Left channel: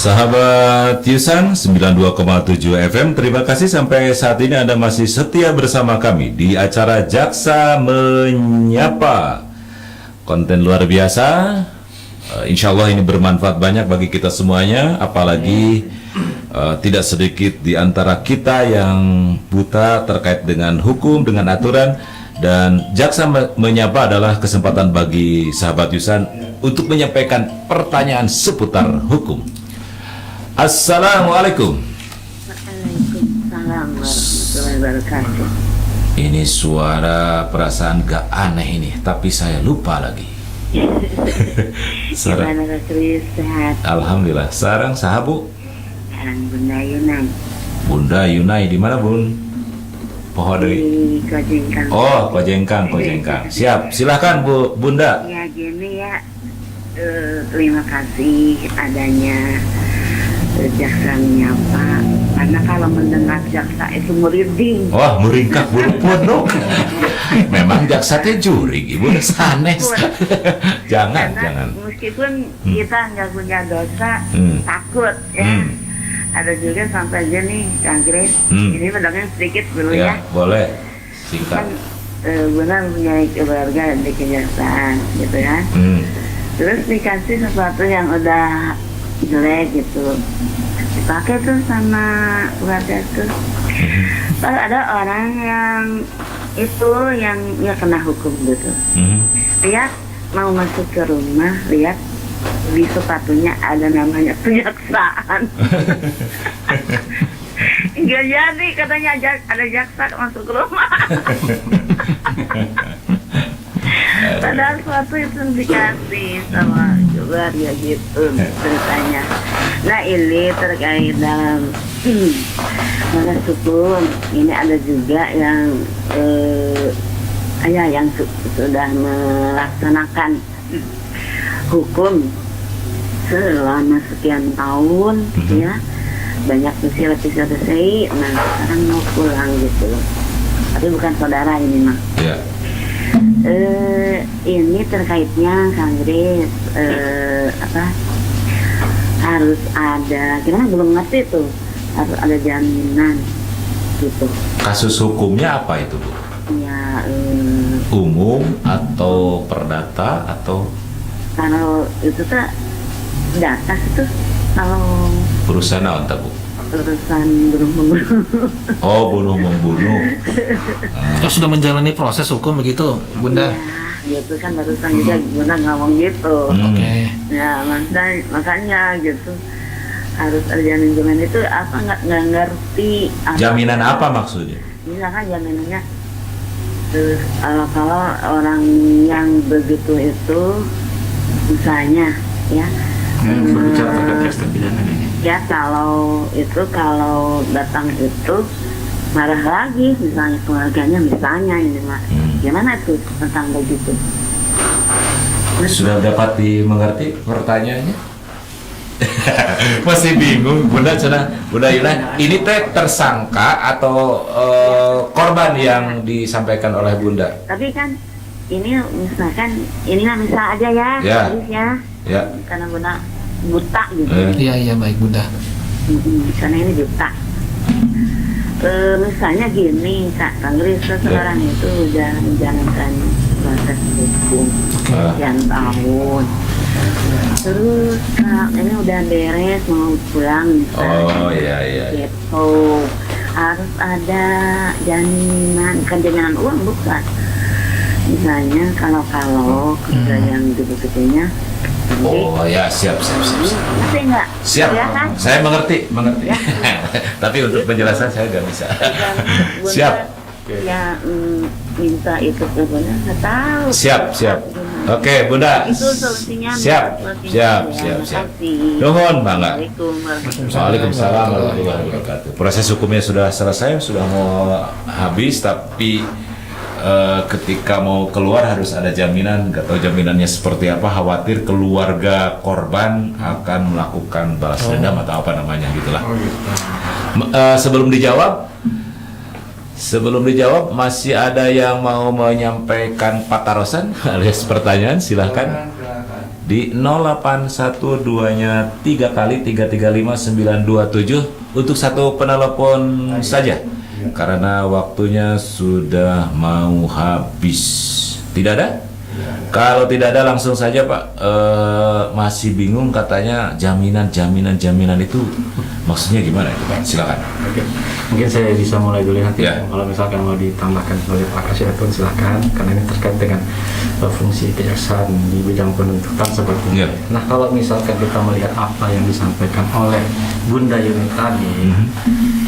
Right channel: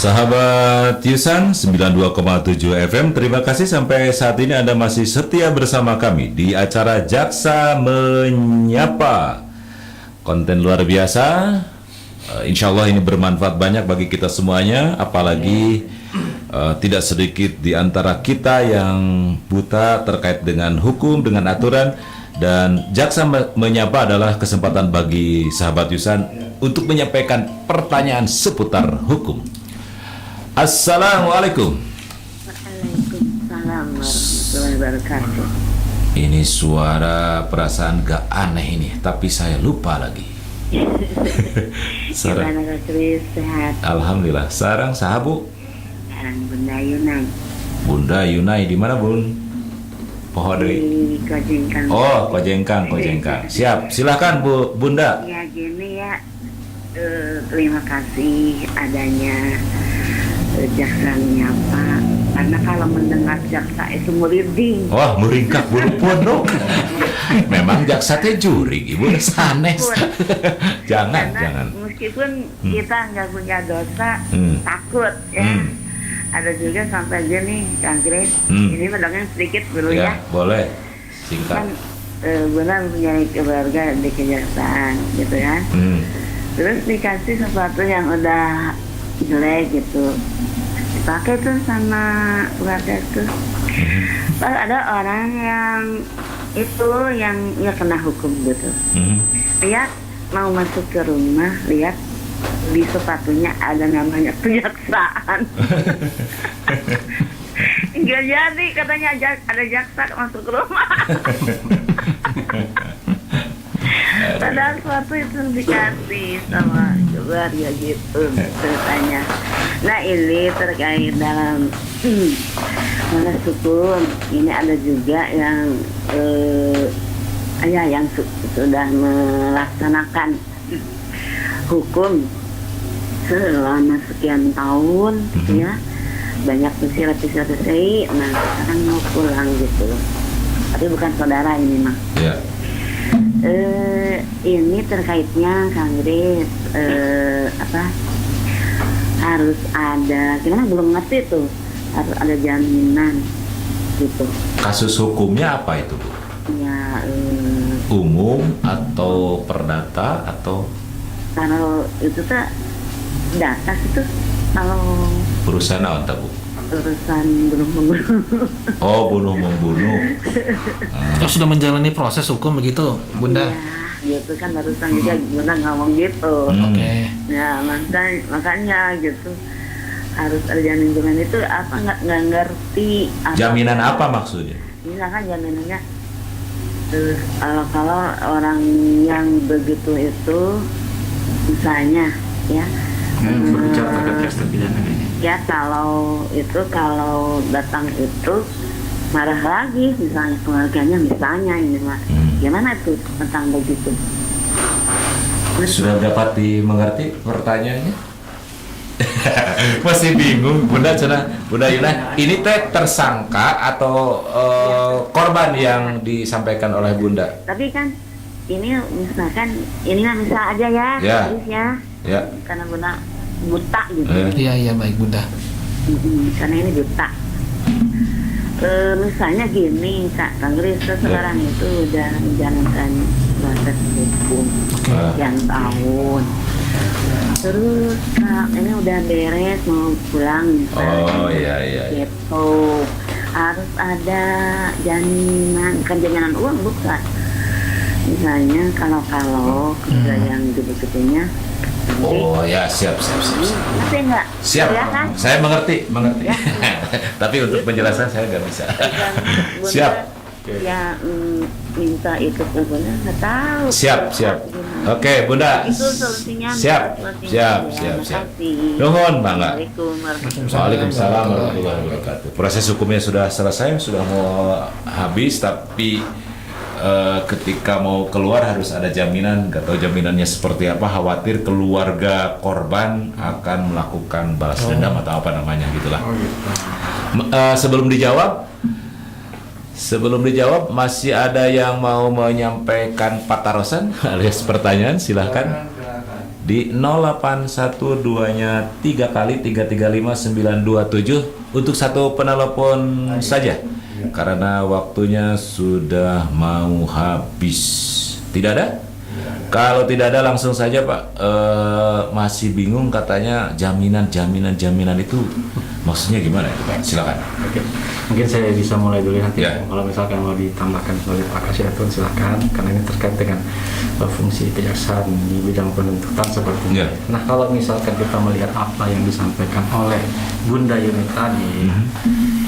Sahabat Yusan 92,7 FM, terima kasih sampai saat ini Anda masih setia bersama kami di acara Jaksa Menyapa. Konten luar biasa, insya Allah ini bermanfaat banyak bagi kita semuanya, apalagi tidak sedikit di antara kita yang buta terkait dengan hukum, dengan aturan. Dan Jaksa Menyapa adalah kesempatan bagi sahabat Yusan untuk menyampaikan pertanyaan seputar hukum. Assalamualaikum. Waalaikumsalam warahmatullahi wabarakatuh. Ini suara perasaan gak aneh ini, tapi saya lupa lagi. Gimana Ratri, sehat? Alhamdulillah. Sarang sahabu. Bunda Yunai. Bunda Yunai di mana Bun? Pohon deui. Di Kojengkang. Oh, Kojengkang. Siap. Silakan Bu Bunda. Ya gini ya, terima kasih adanya Jaksa Menyapa. Karena kalau mendengar jaksa itu merinding. Wah, meringkak bulu pondok. Memang jaksa teh juri, Bu. Sanes. Jangan. Meskipun kita nggak punya dosa, takut ya. Ada juga sampai aja nih, Kang Grace. Ini mendengar sedikit dulu ya. Boleh. Singkat. Benar punya keluarga di kejaksaan gitu ya. Terus dikasih sesuatu yang udah jelek gitu, dipakai tuh sama keluarga tuh. Lalu ada orang yang itu yang ya kena hukum gitu. Lihat mau masuk ke rumah, lihat di sepatunya ada namanya kejaksaan. Nggak jadi katanya ada jaksa masuk ke rumah. Padahal suatu itu dikasih sama keluarga gitu ceritanya. Nah ini terkait dalam meskipun ini ada juga yang yang sudah melaksanakan hukum selama sekian tahun ya, banyak sisi nah sekarang mau pulang gitu, tapi bukan saudara ini mah. Ini terkaitnya Kang Grace, harus ada, gimana belum ngerti tuh, harus ada jaminan gitu. Kasus hukumnya apa itu, Bu? Ya, umum atau perdata atau? Kalau itu tuh data itu kalau Urusan apa, Bu? urusan bunuh-bunuh. Oh, bunuh-membunuh. Sudah menjalani proses hukum begitu, Bunda? Ya, itu kan urusan juga Bunda ngomong gitu. Oke. Ya, makanya gitu harus ada lingkungan itu apa nggak ngerti. Jaminan apa maksudnya? Misalkan jaminannya, terus kalau orang yang begitu itu, misalnya ya. Ya kalau datang itu marah lagi misalnya keluarganya misalnya ini Mas, gimana tuh tentang begitu? Sudah dapat dimengerti pertanyaannya? Masih bingung, Bunda Yuna. Ini teh tersangka atau korban yang disampaikan oleh Bunda? Tapi kan ini misalkan ini kan bisa aja ya, ya. Karena Bunda buta gitu. Iya baik Bunda. Karena ini buta. Misalnya gini, Kak Grace sekarang itu udah menjalankan proses hukum sekian tahun. Terus ini udah beres mau pulang misalnya. Oh iya. Gitu. Harus ada jaminan, kan jaminan uang bukan. Misalnya kalau kita yang gede-gedenya. Oh ya, siap. Ngerti nggak? Siap, Ya, kan? saya mengerti. Ya. Tapi untuk penjelasan saya nggak bisa. Siap. Ya, minta itu ke Bunda, nggak tahu. Siap. Oke, Bunda. Itu solusinya. Siap. Nuhun, Bangga. Waalaikumsalam warahmatullahi wabarakatuh. Proses hukumnya sudah selesai, sudah mau habis, tapi ketika mau keluar harus ada jaminan. Gak tahu jaminannya seperti apa, khawatir keluarga korban akan melakukan balas dendam atau apa namanya gitulah. Sebelum dijawab masih ada yang mau menyampaikan patarosan alias pertanyaan, silahkan di 0812-nya 3 kali 335-927 untuk satu penelepon saja karena waktunya sudah mau habis. Tidak ada? Kalau tidak ada langsung saja Pak. Masih bingung katanya jaminan itu maksudnya gimana itu Pak? Silakan. Oke. Mungkin saya bisa mulai dulu ya. Ya. Kalau misalkan mau ditambahkan sebagai Pak Kasih silakan karena ini terkait dengan fungsi kejaksaan di bidang penuntutan seperti Ya. ini. Nah kalau misalkan kita melihat apa yang disampaikan oleh Bunda Yuni tadi,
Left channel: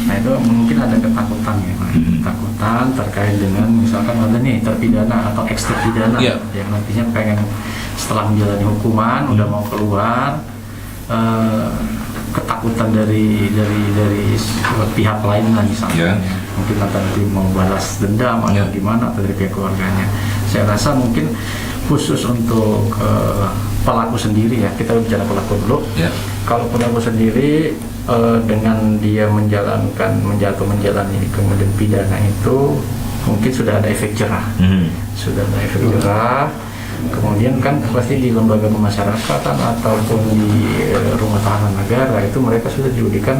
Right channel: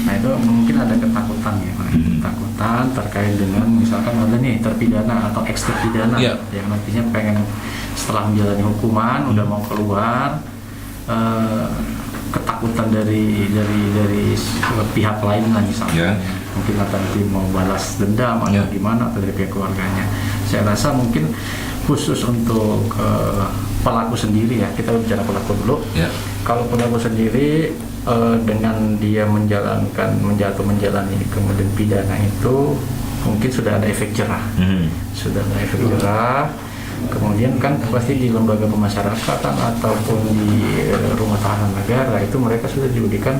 nah itu mungkin ada ketakutan ya, ketakutan terkait dengan misalkan ada nih terpidana atau ex terpidana Ya. yang nantinya pengen setelah menjalani hukuman udah mau keluar, ketakutan dari pihak lain lah misalnya, mungkin ada nanti mau balas dendam atau gimana atau dari pihak keluarganya. Saya rasa mungkin khusus untuk pelaku sendiri ya, kita bicara pelaku dulu. Kalau pelaku sendiri dengan dia menjalani kemudian pidana itu mungkin sudah ada efek jerah, kemudian kan pasti di lembaga pemasyarakatan ataupun di rumah tahanan negara itu mereka sudah diberikan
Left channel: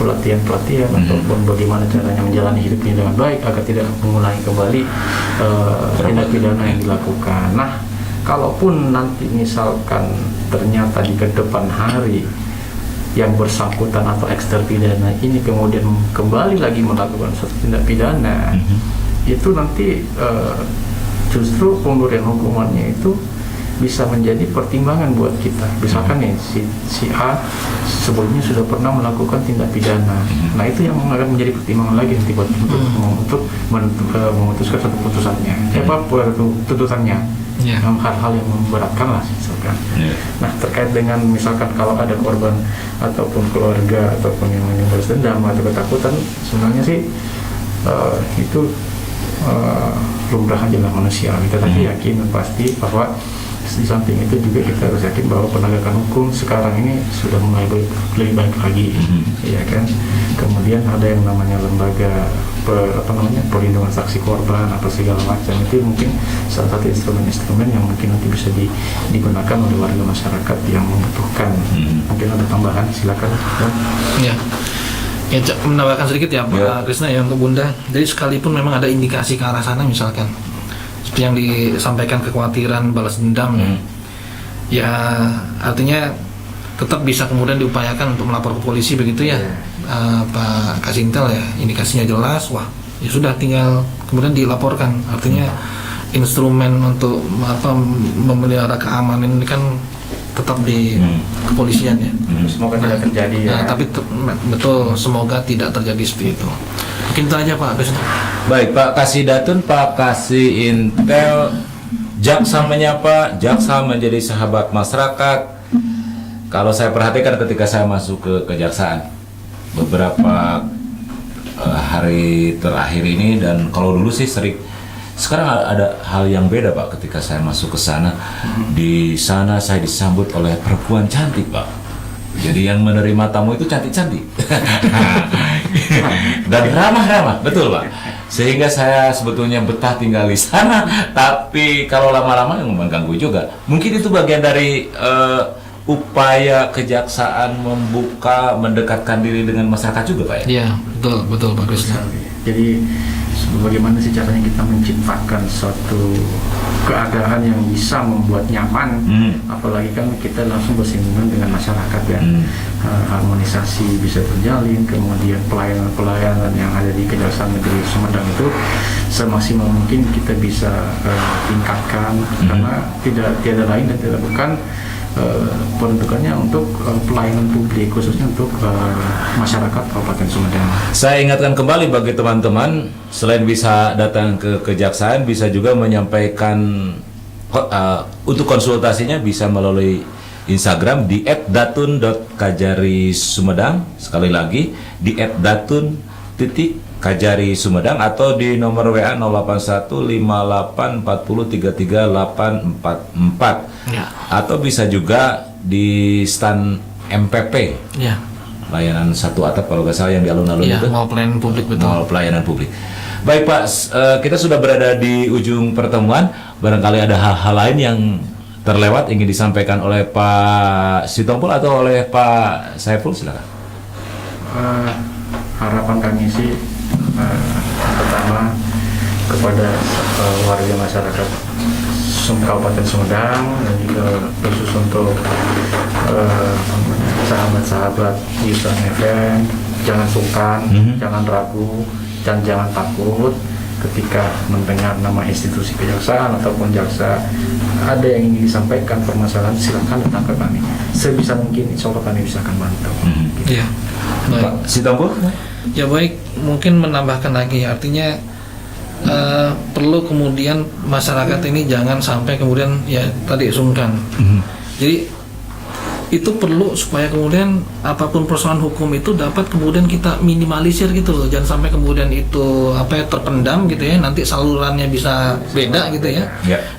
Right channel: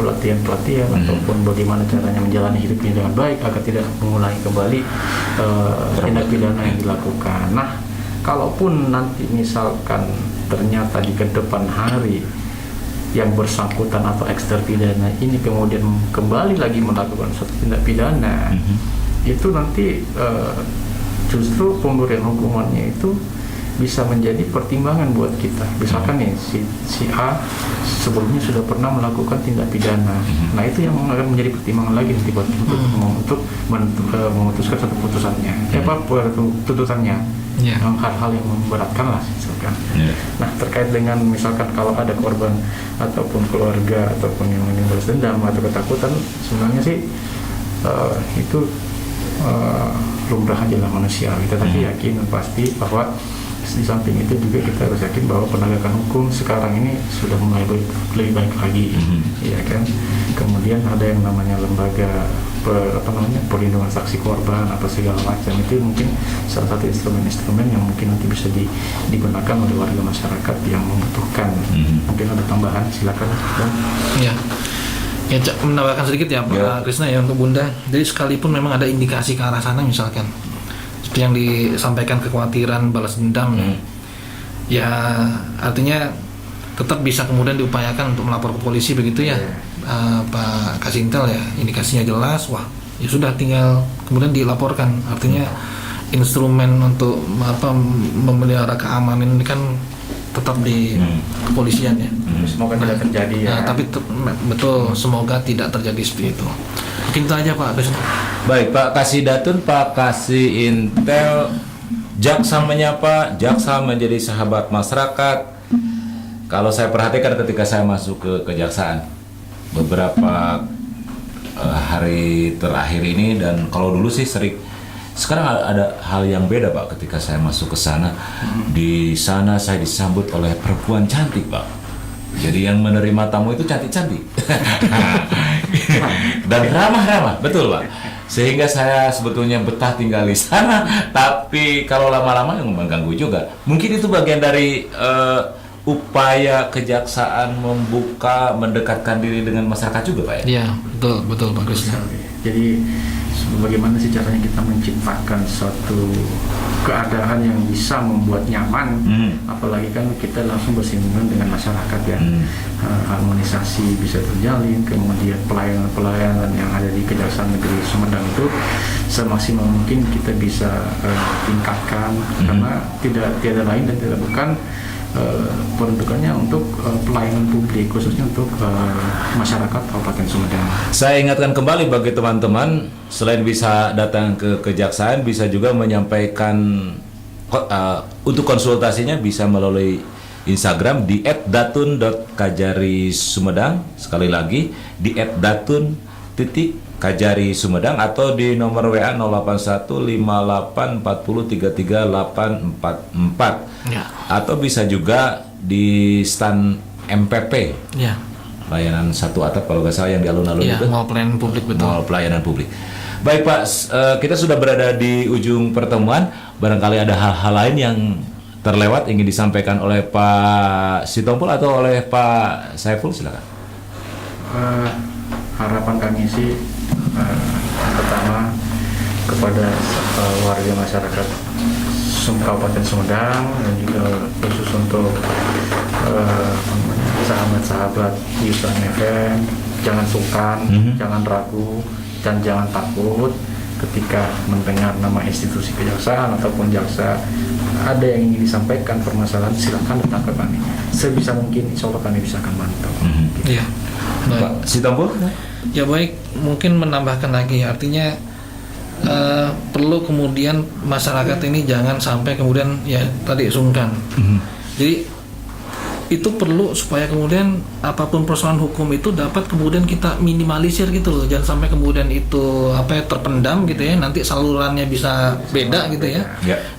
pelatihan ataupun bagaimana caranya menjalani hidupnya dengan baik agar tidak mengulangi kembali tindak pidana yang dilakukan. Nah, kalaupun nanti misalkan ternyata di kedepan hari yang bersangkutan atau ex terpidana ini kemudian kembali lagi melakukan suatu tindak pidana, itu nanti justru pemberian hukumannya itu bisa menjadi pertimbangan buat kita. Misalkan ya si A sebelumnya sudah pernah melakukan tindak pidana, nah itu yang akan menjadi pertimbangan lagi nanti buat untuk memutuskan satu putusannya, tuntutannya. Hal-hal yang memberatkan lah misalkan. Nah terkait dengan misalkan kalau ada korban ataupun keluarga ataupun yang balas dendam atau ketakutan, sebenarnya sih itu lumrah aja lah manusia. Kita tapi yakin pasti bahwa di samping itu juga kita harus yakin bahwa penegakan hukum sekarang ini sudah mulai lebih baik lagi, ya kan. Kemudian ada yang namanya lembaga perlindungan saksi korban atau segala macam, itu mungkin salah satu instrumen-instrumen yang mungkin nanti bisa digunakan oleh warga masyarakat yang membutuhkan. Mungkin ada tambahan, silakan. Ya, menambahkan sedikit ya Pak Krisna yang ke Bunda. Jadi sekalipun memang ada indikasi ke arah sana misalkan seperti yang disampaikan kekhawatiran balas dendam, ya artinya tetap bisa kemudian diupayakan untuk melapor ke polisi begitu ya. Pak Kasintel ya, indikasinya jelas, wah ya sudah tinggal kemudian dilaporkan. Artinya instrumen untuk memelihara keamanan ini kan tetap di kepolisian ya. Semoga tidak terjadi ya. Tapi betul, semoga tidak terjadi seperti itu. Mungkin itu aja Pak Krisna. Baik Pak Kasih Datun, Pak Kasih Intel, Jaksa Menyapa, Jaksa menjadi sahabat masyarakat. Kalau saya perhatikan ketika saya masuk ke kejaksaan beberapa hari terakhir ini, dan kalau dulu sih sering, sekarang ada hal yang beda Pak ketika saya masuk ke sana. Di sana saya disambut oleh perempuan cantik Pak. Jadi yang menerima tamu itu cantik-cantik dan ramah-ramah, betul Pak. Sehingga saya sebetulnya betah tinggal di sana, tapi kalau lama-lama yang mengganggu juga. Mungkin itu bagian dari upaya kejaksaan mendekatkan diri dengan masyarakat juga Pak ya? Iya, betul Pak Krisna. Jadi bagaimana sih caranya kita menciptakan suatu keadaan yang bisa membuat nyaman, apalagi kan kita langsung bersinggungan dengan masyarakat ya. Harmonisasi bisa terjalin, kemudian pelayanan yang ada di Kejaksaan Negeri Sumedang itu semaksimal mungkin kita bisa tingkatkan, karena tiada lain dan tidak bukan peruntukannya untuk pelayanan publik, khususnya untuk masyarakat Kabupaten Sumedang. Saya ingatkan kembali bagi teman-teman, selain bisa datang ke kejaksaan, bisa juga menyampaikan untuk konsultasinya bisa melalui Instagram di @datun.kajari_sumedang. Sekali lagi di @datun.kajari_sumedang atau di nomor WA 081584033844. Atau bisa juga di stan MPP. Layanan satu atap kalau nggak salah yang di alun-alun itu. Mall pelayanan publik, betul. Mall pelayanan publik. Baik Pak, kita sudah berada di ujung pertemuan. Barangkali ada hal-hal lain yang terlewat ingin disampaikan oleh Pak Sitompul atau oleh Pak Saiful, silakan. Harapan kami sih pertama kepada warga masyarakat Kabupaten Sumedang dan juga khusus untuk sahabat-sahabat Yusan FM, jangan sungkan, jangan ragu, dan jangan takut ketika mendengar nama institusi kejaksaan ataupun jaksa ada yang ingin disampaikan permasalahan, silakan datang ke kami. Sebisa mungkin insya Allah kami bisa akan bantu. Iya. Baik. Pak Sitompul? Ya baik, mungkin menambahkan lagi, artinya perlu kemudian masyarakat ini jangan sampai kemudian ya tadi sungkan. Jadi itu perlu supaya kemudian apapun persoalan hukum itu dapat kemudian kita minimalisir gitu loh, jangan sampai kemudian itu terpendam gitu ya, nanti salurannya bisa beda gitu ya.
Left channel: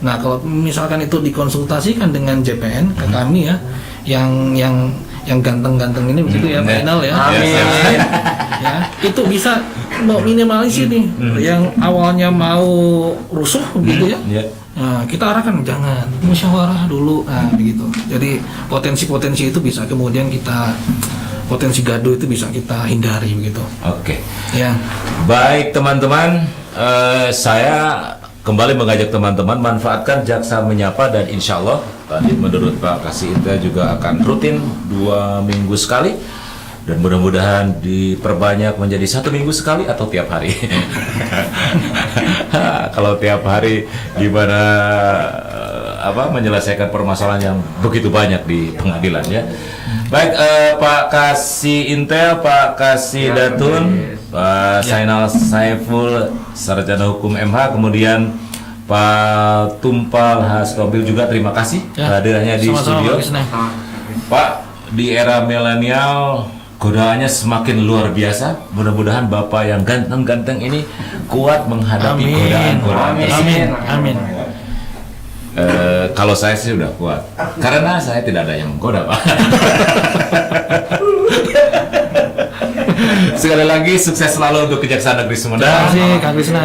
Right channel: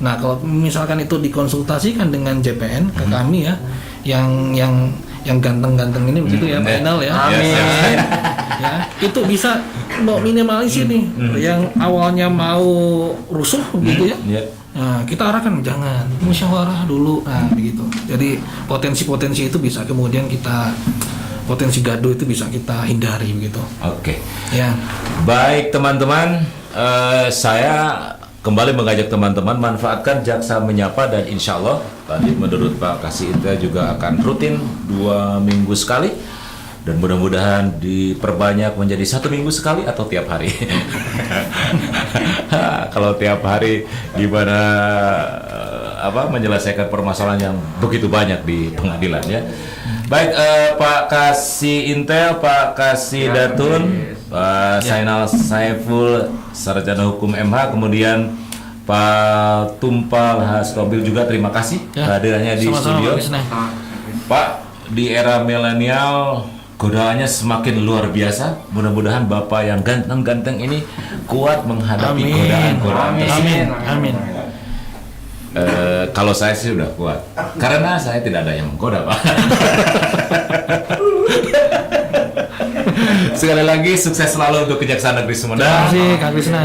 Nah kalau misalkan itu dikonsultasikan dengan JPN ke kami ya, yang ganteng-ganteng ini begitu ya Pak Inal ya. Amin. Ya, itu bisa minimalisir nih yang awalnya mau rusuh begitu ya. Nah, kita arahkan jangan musyawarah dulu, begitu. Jadi potensi-potensi itu bisa kemudian potensi gaduh itu bisa kita hindari begitu. Oke. Ya. Baik teman-teman, saya kembali mengajak teman-teman manfaatkan Jaksa Menyapa, dan insya Allah tadi menurut Pak Kasih Intel juga akan rutin 2 minggu sekali, dan mudah-mudahan diperbanyak menjadi 1 minggu sekali atau tiap hari. Kalau tiap hari gimana menyelesaikan permasalahan yang begitu banyak di pengadilan ya. Baik, Pak Kasih Intel, Pak Kasih Datun, Pak Zainal Saiful, Sarjana Hukum MH, kemudian Pak Tumpal Hastobil juga terima kasih kehadirannya di studio. Pak, di era milenial godaannya semakin luar biasa. Mudah-mudahan Bapak yang ganteng-ganteng ini kuat menghadapi godaan-godaan tersebut. Amin. Kalau saya sih udah kuat, karena saya tidak ada yang menggoda, Pak. Sekali lagi sukses selalu untuk Kejaksaan Negeri Sumedang. Terima kasih Kak Krisna.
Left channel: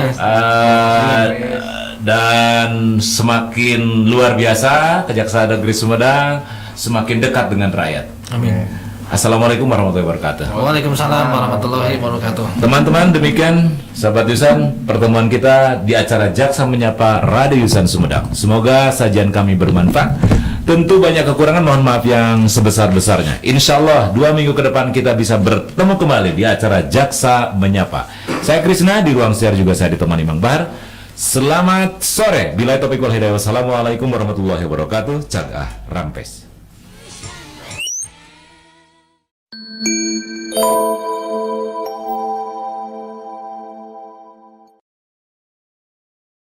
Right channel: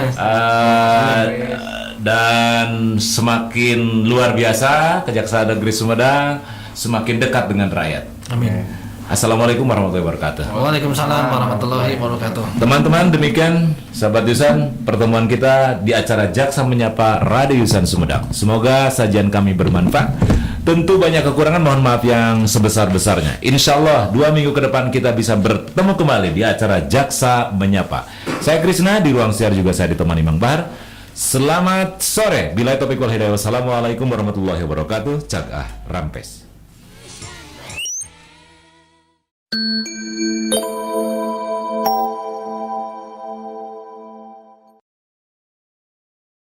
Dan semakin luar biasa Kejaksaan Negeri Sumedang, semakin dekat dengan rakyat. Amin. Assalamualaikum warahmatullahi wabarakatuh. Waalaikumsalam warahmatullahi wabarakatuh. Teman-teman, demikian sahabat Yusan pertemuan kita di acara Jaksa Menyapa Radio Yusan Sumedang. Semoga sajian kami bermanfaat. Tentu banyak kekurangan, mohon maaf yang sebesar-besarnya. Insya Allah 2 minggu ke depan kita bisa bertemu kembali di acara Jaksa Menyapa. Saya Krisna, di ruang share juga saya ditemani Mang Bahar. Selamat sore. Bila topik wal hidayah. Wassalamualaikum warahmatullahi wabarakatuh. Jaga Rampes.